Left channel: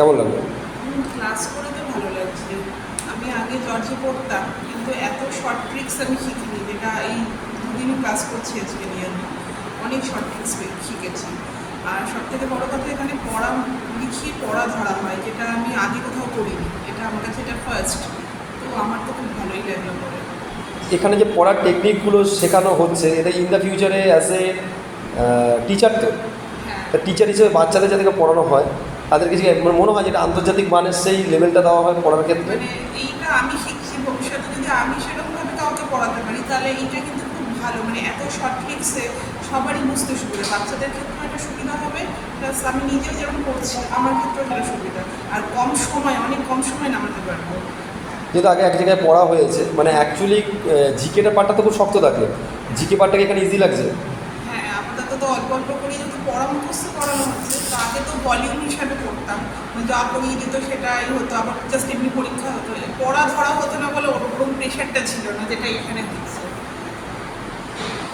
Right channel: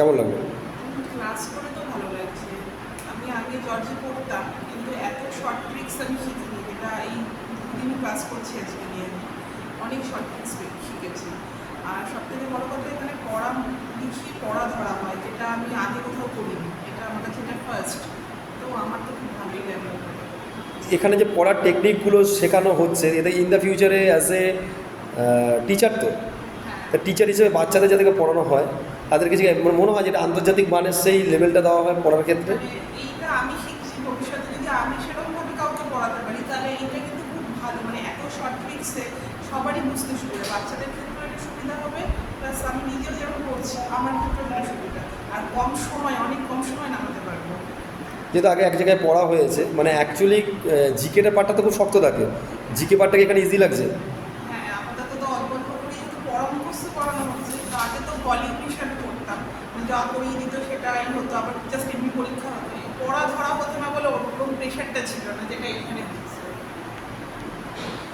কেমন লাগল? ক্লাস করে তো ভালো লাগছে। আমি আগে জর্জে পড়তাম কিন্তু এত শর্ট ট্রিক্স আমি শিখিনি। যেটা এই দুদিন ক্লাস করছি আজকে নিয়ে আমি। অনেক শর্ট ট্রিক্স শিখেছি। আর সব থেকে বড় কথা এখানে পড়া লিখিয়ে পড়া ধরা হয় যেটা আমি আগে কোথাও করিনি। এটা আমার কাছে এটা ফার্স্ট তো আমার তো খুব ভালোই লাগল পড়ে। এখানে যে পড়ার টেকনিকগুলো শেখানো হচ্ছে এটা ইন দ্য ফিউচারে অ্যাজ এ টিচার তো। হ্যাঁ। টিচার হিসেবে বাচ্চাদের যাদেরকে পড়ানো হয় তাদেরকে যে মনে হয় যেটা আন্তর্জাতিক মানের সেই লেভেলটা দেওয়া হয় পড়ার ক্ষেত্রে। মানে এইটা আমি শিখছি ভবিষ্যতে যদি আমি সেরকমভাবে কাউকে পড়াতে পারি তাহলে কিন্তু খুব ভালো। মানে এত শর্ট ট্রিক্সে সবারই বুঝতে সুবিধা। বাচ্চাদের ক্ষেত্রে একটা সুবিধা হবে প্লাস আমি নিজেও যেমন করছি আমার ক্ষেত্রেও সুবিধা। আর কম সময় অনেক কম সময় নামাতে পারব। যেহেতু আগে এক জায়গায় পড়া হয়েছে মানে অ্যাকচুয়ালি জিকেটা পার্টটা তো খুব শক্ত থাকে। জিকে পার্টটাকে এখানে ইজি লাগছে। তো অল্প অল্প করে যেহেতু মুখস্থ করানো হচ্ছে, তো আগে তো ভলিউম হিসাবে পড়তাম যা করিয়ে দিত সেটাই হতো, আবার জাস্ট এমনি পরীক্ষা হতো। পড়া ধরা হতো